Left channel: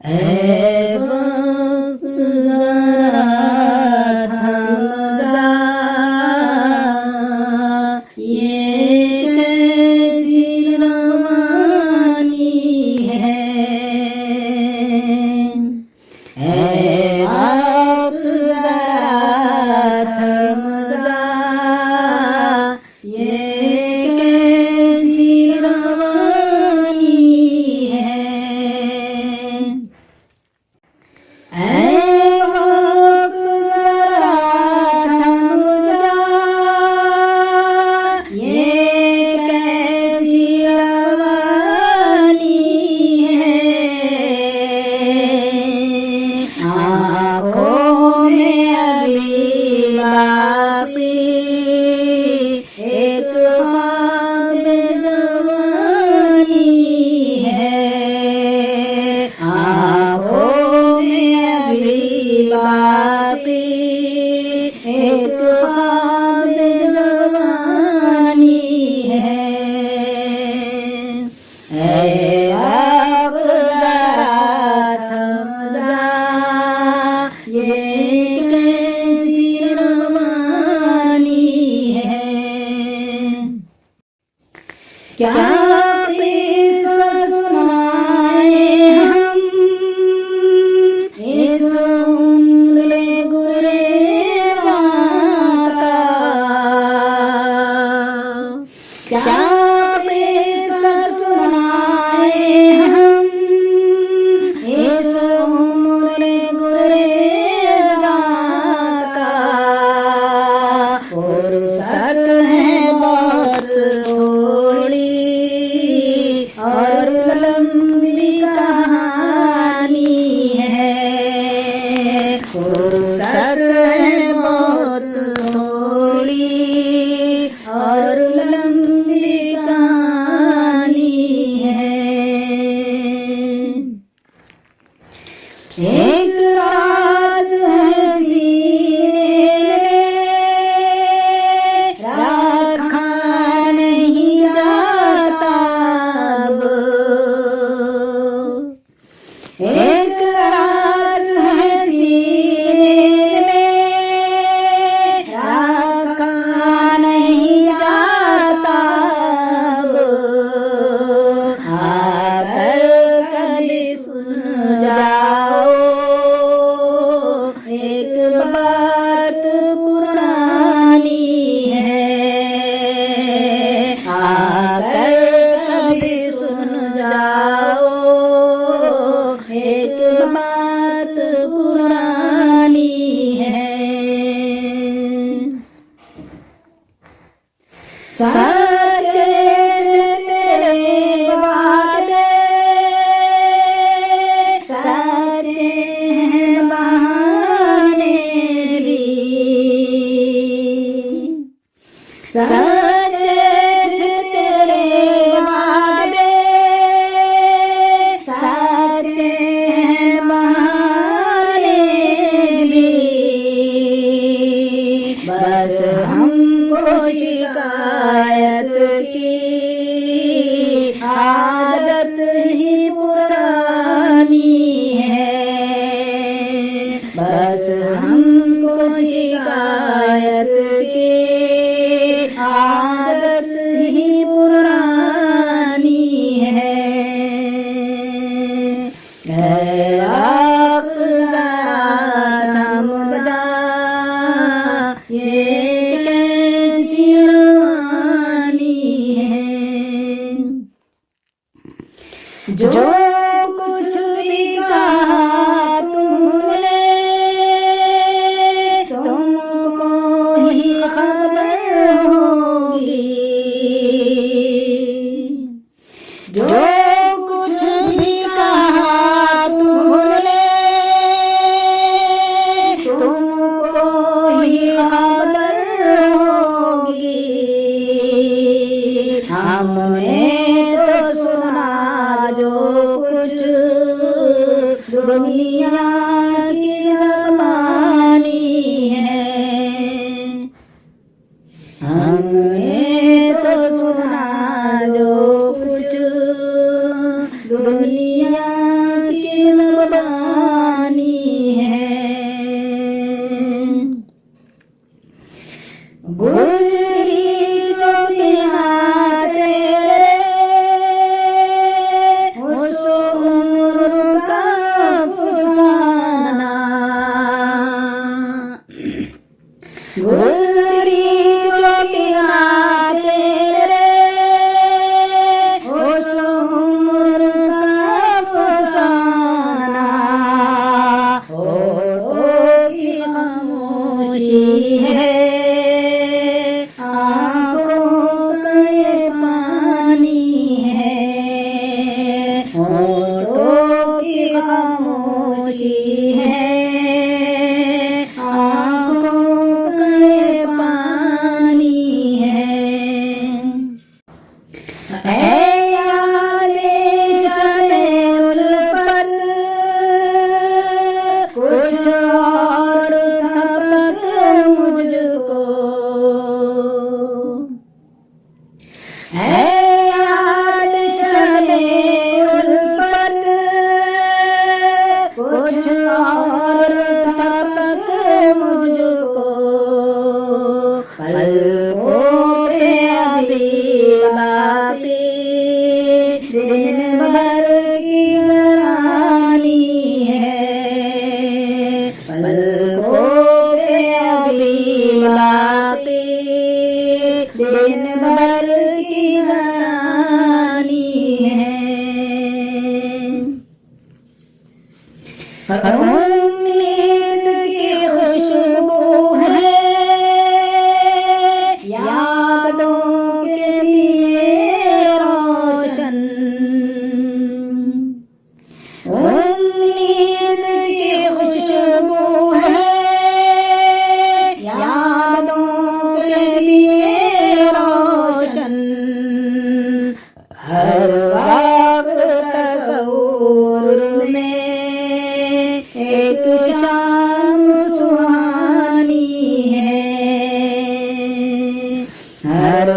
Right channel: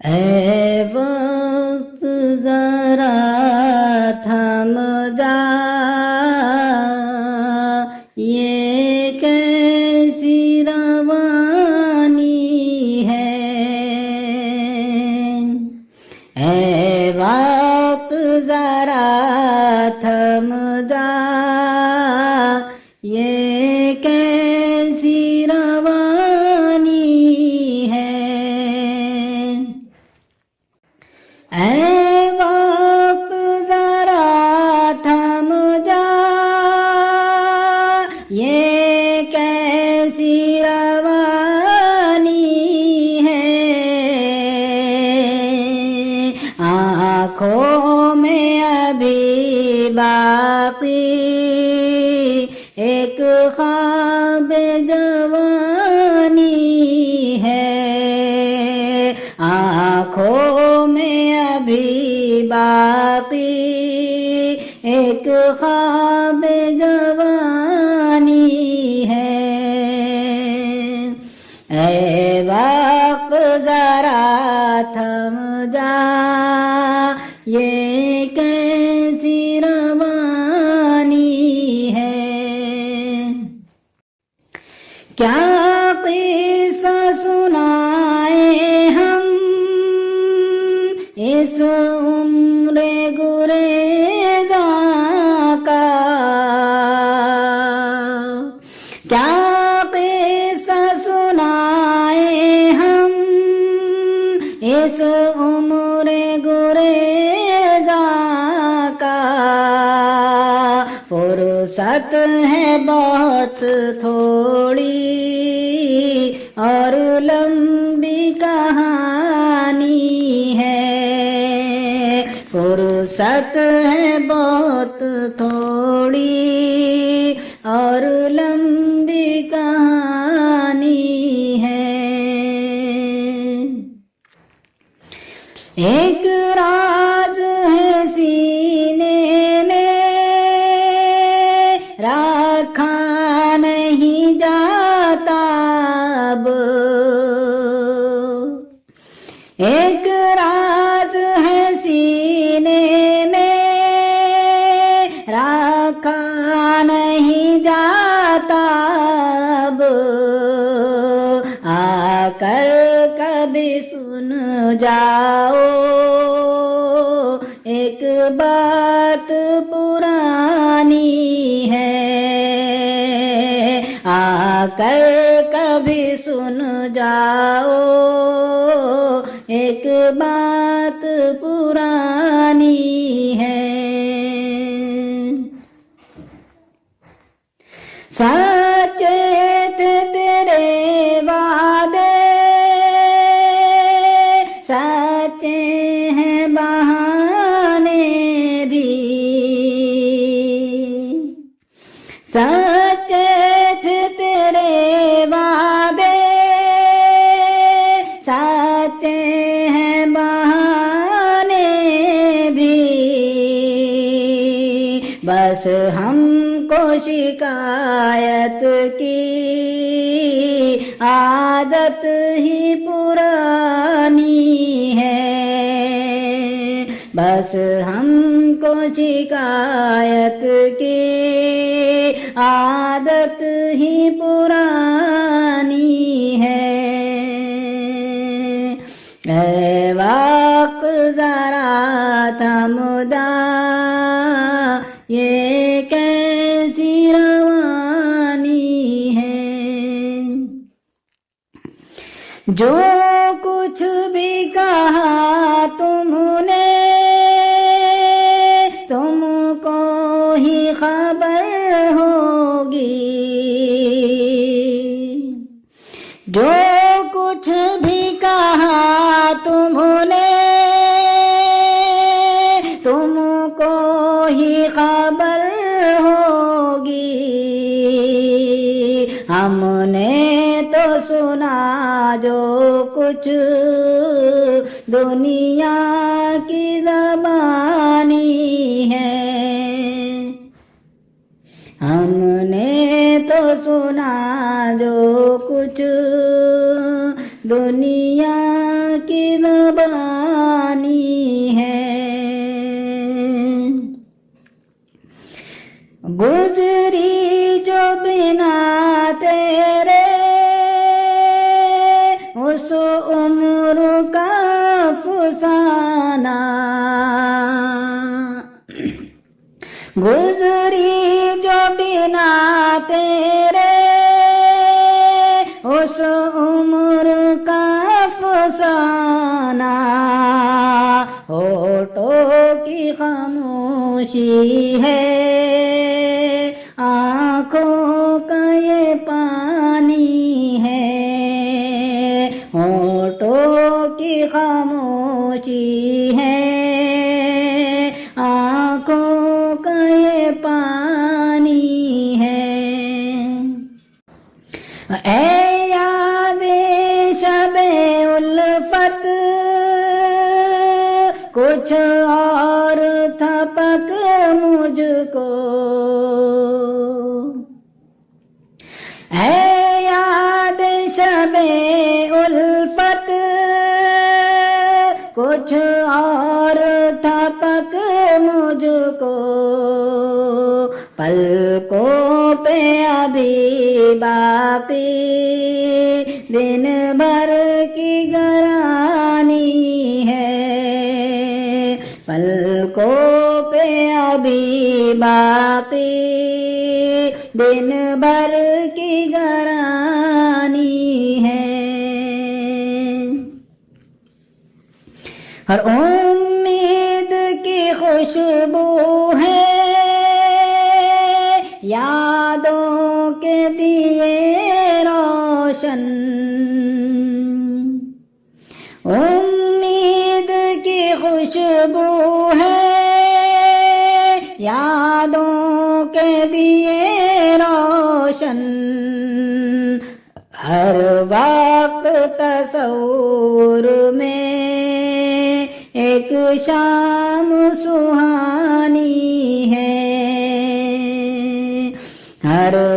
ऐ वक्त जरा थम जा, ये कैसी रवानी है। ऐ वक्त जरा थम जा, ये कैसी रवानी है। क्या किस्सा सुनाए हम इस उम्र गुरेज़ा का, क्या किस्सा सुनाए हम इस उम्र गुरेज़ा का। फुर्सत है बहुत थोड़ी और लंबी कहानी है। फुर्सत है बहुत थोड़ी और लंबी कहानी है। एक रात है सीने में रखा नहीं जाता अब। एक रात है सीने में रखा नहीं जाता अब। आकर कभी सुन जाओ एक बात पुरानी है। आकर कभी सुन जाओ एक बात पुरानी है। सचेत तेरे वादे सच्चे हैं बहाने भी। सचेत तेरे वादे सच्चे हैं बहाने भी। बस हमको शिकायत की आदत ही पुरानी है। बस हमको शिकायत की आदत ही पुरानी है। ऐ वक्त जरा थम जा, ये कैसी रवानी है। जो कुछ भी कहा तुमने तुमको ही खबर होगी। जो कुछ भी कहा तुमने तुमको ही खबर होगी। हमने तो सुना जो कुछ दुनिया की ज़बानी है। हमने तो सुना जो कुछ दुनिया की ज़बानी उम्मीद की खुशबू है यादों के लिए रोशन। उम्मीद की खुशबू है यादों के लिए रोशन। हर वक्त तस्वुर में एक शाम सुहानी है। हर